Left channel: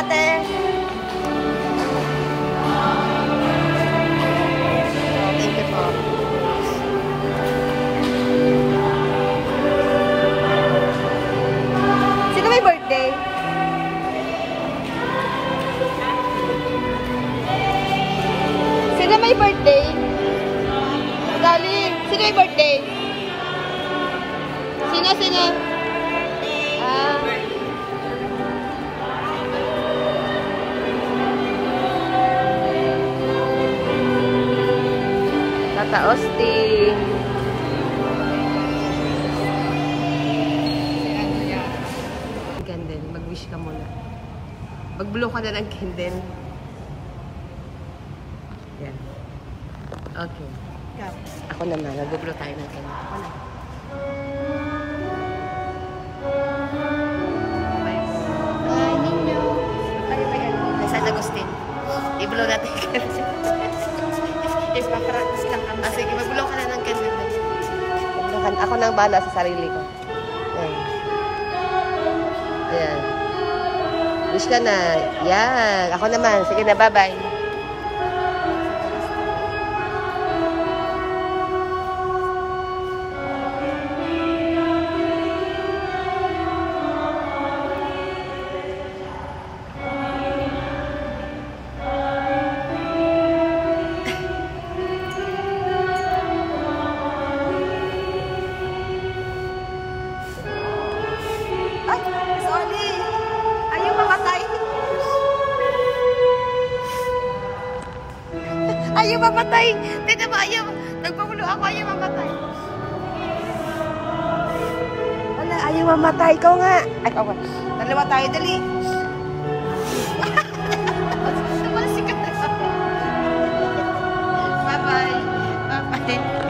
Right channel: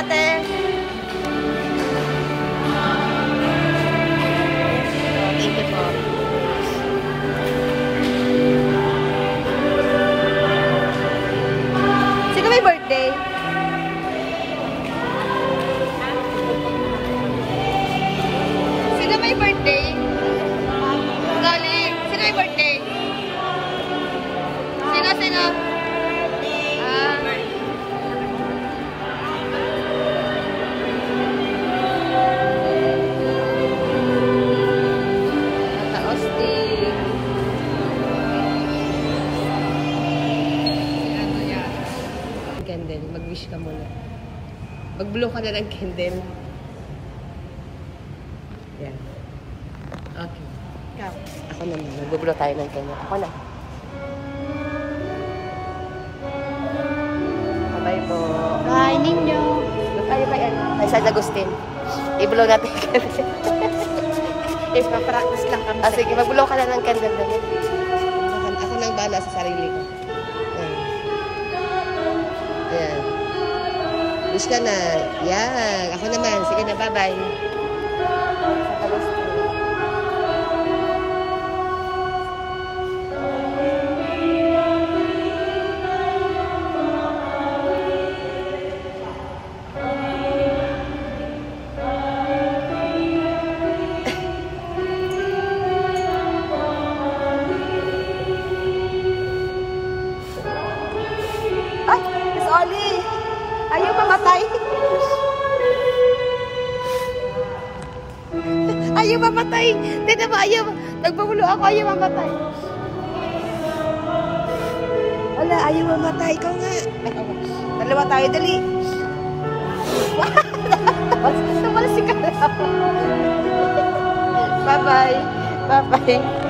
ate. Thank you po. Sino may birthday? Sino may birthday? Dali, sino may birthday? Sino? Osting. Candle. Mag-wish ka muna. Mag-blow ka na ng candle. Yan. Okay. Ako naman. Mag-blow tayo ng candle. Ako na. Bye po. Bye, ninyo. Ay, San Agustin. I-blow natin yung candle. Yes, mag-practice lang kami. Sige, mag-blow ka na ng candle na yan. Ako nang bahala sa sarili ko. Ayan. Ayan. Wish ka na. Yan. Ako naman. Sige na, bye-bye. Ayaw mamatay. Ayaw mamatay. Tignan mo, ayaw. Nagpamulo ako, ayaw mamatay. Wala, ayaw mamatay. Ikaw nga. Ay, ako. Dalawa tayo, dali. Tumalsik ka na. Bye-bye. Bye-bye.